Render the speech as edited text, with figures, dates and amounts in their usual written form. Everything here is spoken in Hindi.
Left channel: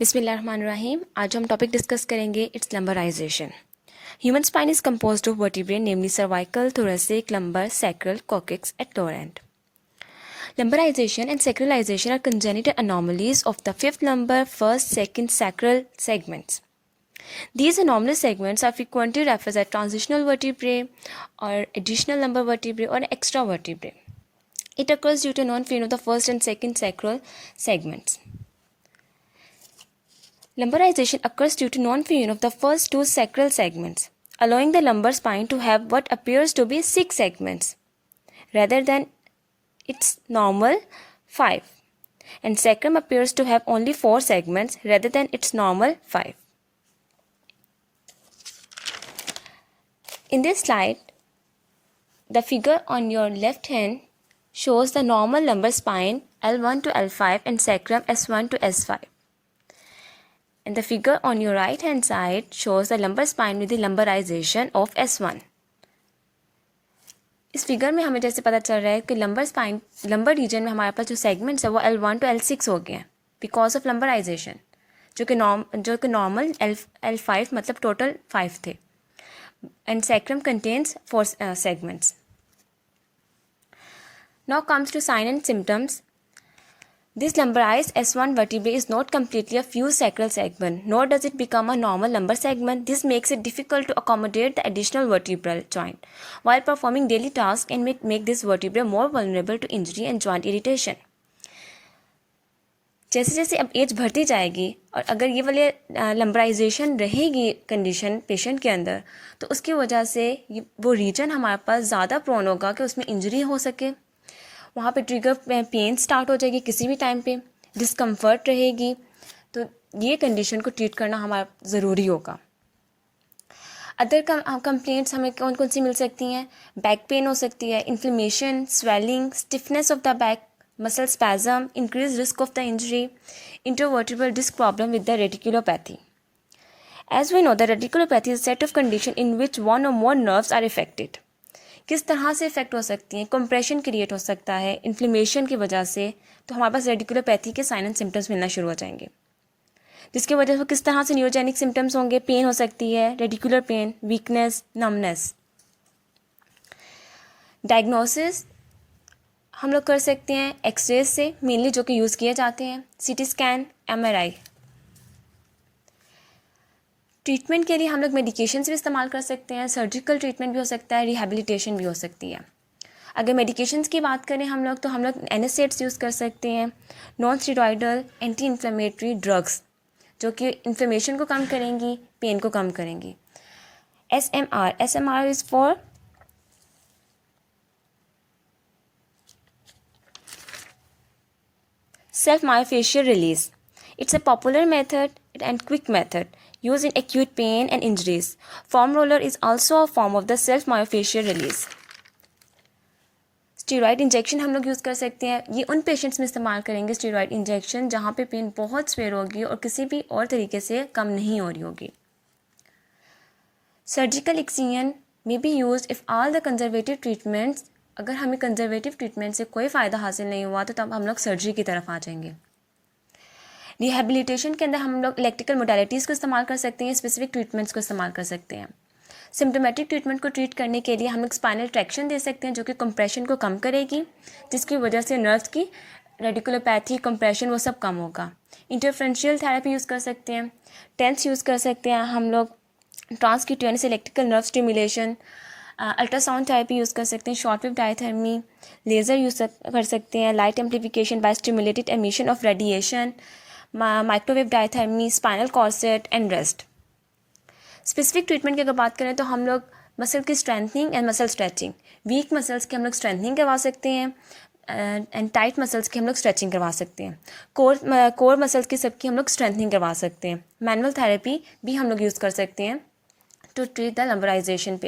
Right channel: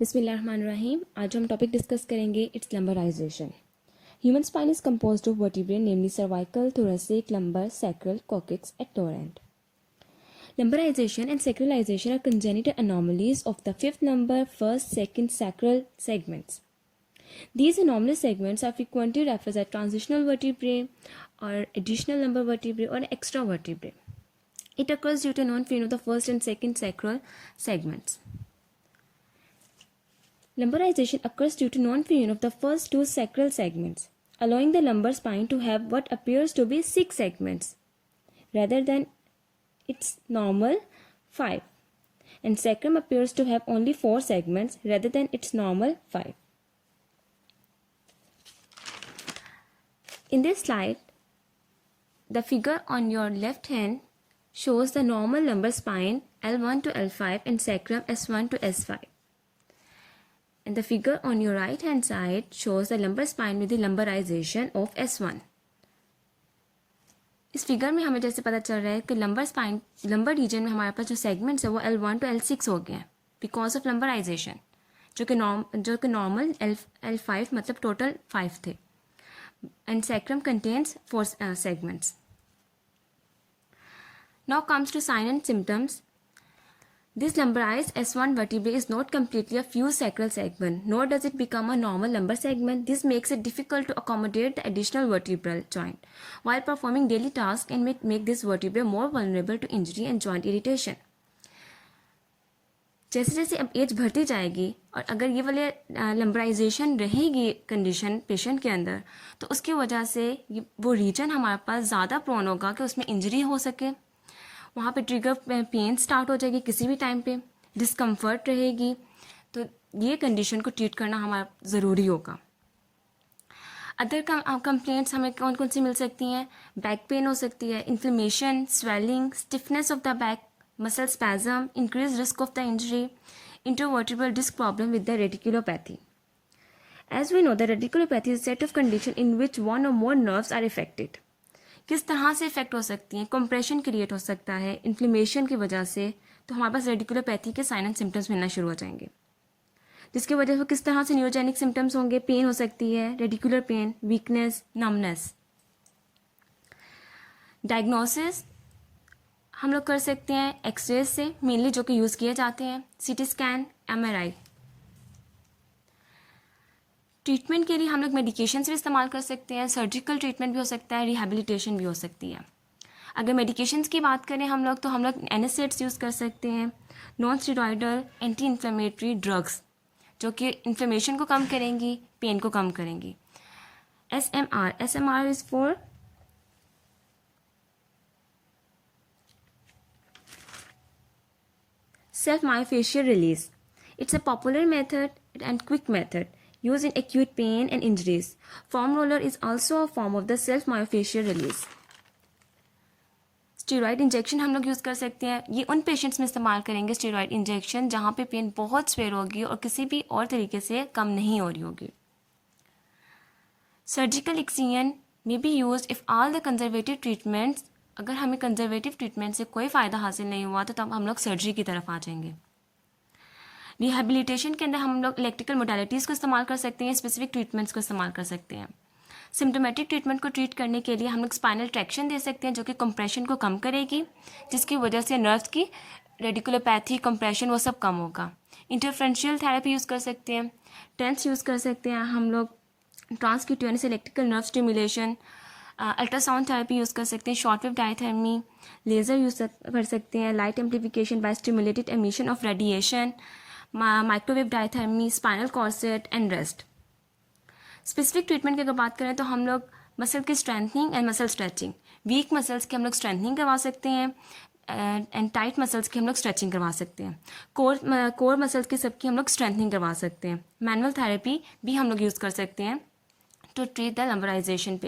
बिस्मिल्लाहिर्रहमानिर्रहीम। आज हम टॉपिक डिस्कस करेंगे it's lumbarisation. Human spine is composed of vertebrae namely cervical, thoracic, lumbar, sacral, coccyx at lower end. Lumbarization and sacralization are congenital anomalies of the fifth lumbar, first, second sacral segments. These anomalous segments are frequently referred as transitional vertebrae or additional lumbar vertebrae or extra vertebrae. It occurs due to non-fusion of the first and second sacral segments. Lumbarization occurs due to non-fusion of the first two sacral segments, allowing the lumbar spine to have what appears to be 6 segments, rather than its normal 5, and sacrum appears to have only 4 segments, rather than its normal 5. In this slide, the figure on your left hand shows the normal lumbar spine L1 to L5 and sacrum S1 to S5. And the figure on your right hand side shows the lumbar spine with the lumbarization of S1. इस फिगर में हमें जैसे पता चल रहा है कि लंबर रीजन में हमारे पास जो सेगमेंट्स है वो L1 to L6 हो गए हैं बिकॉज ऑफ लंबराइजेशन, जो कि नॉर्मल L5 मतलब टोटल 5 थे, and sacrum contains 4 segments. Now comes to sign and symptoms. This lumbarized S1 vertebrae is not completely a fused sacral segment, nor does it become a normal lumbar segment. This makes it difficult to accommodate the additional vertebral joint while performing daily tasks and may make this vertebra more vulnerable to injury and joint irritation. जैसे जैसे अब एज बढ़ती जाएगी और अगर ये वाले लंबराइजेशन रहेगी कंडीशन पेशेंट के अंदर, तो उसकी वजह से वो रीजन हमारे पास ज़्यादा प्रोन होगा कि उसमें इंजरी हो सके, वहाँ पे ट्रिगर पेन स्टार्ट हो जाएगी, किसी भी टाइम पे डिस्कम्फर्ट रहेगी, तो ये कंडीशन को ट्रीट करना हमारा ज़रूरी होगा. अदर कंप्लेंट्स हमें कौन कौन सी मिल सकती हैं? बैक पेन हो सकती है, inflammation, swelling, stiffness of the back, muscle spasm, increase risk of the injury, intervertebral disc problem with the radiculopathy. As we know, the radiculopathy is a set of conditions in which one or more nerves are affected. किस तरह से इफेक्ट हो सकती हैं? कंप्रेशन क्रिएट हो सकता है इन्फ्लेमेशन की वजह से, तो हमारे पास रेडिकुलोपैथी के साइन एंड सिम्टम्स मिलना शुरू हो जाएंगे, जिसकी वजह से किस तरह से न्यूरोजेनिक सिम्टम्स होंगे? पेन हो सकती है, radicular pen, weakness, numbness. Diagnosis हम लोग कर सकते हैं एक्सरेज से, मेनली जो कि यूज़ किए जाते हैं, सीटी स्कैन, MRI. ट्रीटमेंट के लिए हम लोग मेडिकेशंस भी इस्तेमाल कर सकते हैं, सर्जिकल ट्रीटमेंट भी हो सकता है, रिहैबिलिटेशन भी हो सकती है. अगर मेडिकेशंस की बात करें हम लोग, तो हम लोग NSAIDs यूज़ कर सकते हैं, non steroidal anti inflammatory drugs, जो कि इन्फ्लेमेशन को कम करेंगी, पेन को कम करेंगी. SMR is for self myofascial release. It's a popular method and quick method used in acute pain and injuries. Foam roller is also a form of the self myofascial release. Steroid injection हम लोग यूज़ कर सकते हैं. ये उन पेशेंट्स में इस्तेमाल करेंगे स्टीरॉइड इंजेक्शन जहाँ पे पेन बहुत स्वेयर होगी और किसी भी और तरीके से कम नहीं हो रही होगी. Surgical excision may be use if all the conservative treatments, अगर हमें कंजर्वेटिव ट्रीटमेंट से कोई फ़ायदा हासिल नहीं हुआ तो तब हम लोग सर्जरी की तरफ आ जाएंगे. रिहैबिलिटेशन के अंदर हम लोग इलेक्ट्रिकल मोडालिटीज़ को इस्तेमाल कर सकते हैं, स्पेसिफिक ट्रीटमेंट्स को इस्तेमाल कर सकते हैं. सिम्टोमेटिक ट्रीटमेंट को ट्रीट करने के लिए हम लोग स्पाइनल ट्रैक्शन दे सकते हैं, जो कि कंप्रेशन को कम करेगी, जिसकी वजह से नर्व्स की रेडिकुलोपैथी, कंप्रेशन, वो सब कम होगा. इंटरफ्रेंशियल थेरेपी यूज़ कर सकते हैं, टेंस यूज़ कर सकते हैं हम लोग, transcutaneous electrical nerve stimulation, ultrasound therapy use कर सकते हैं, short wave diathermy, laser use कर सकते हैं, light amplification by stimulated emission of radiation, microwave diathermy, spinal corset and rest. Specific treatment की अगर बात करें तो हम लोग मसल की strengthening and muscle stretching, week muscles की हम लोग स्ट्रेंथनिंग करवा सकते हैं एंड टाइट मसल्स की हम लोग स्ट्रेचिंग करवा सकते हैं. कोर मसल्स की सबकी हम लोग स्ट्रेंथनिंग करवा सकते हैं. मैनुअल थेरेपी भी हम लोग यूज़ कर सकते हैं टू ट्रीट द लंबराइजेशन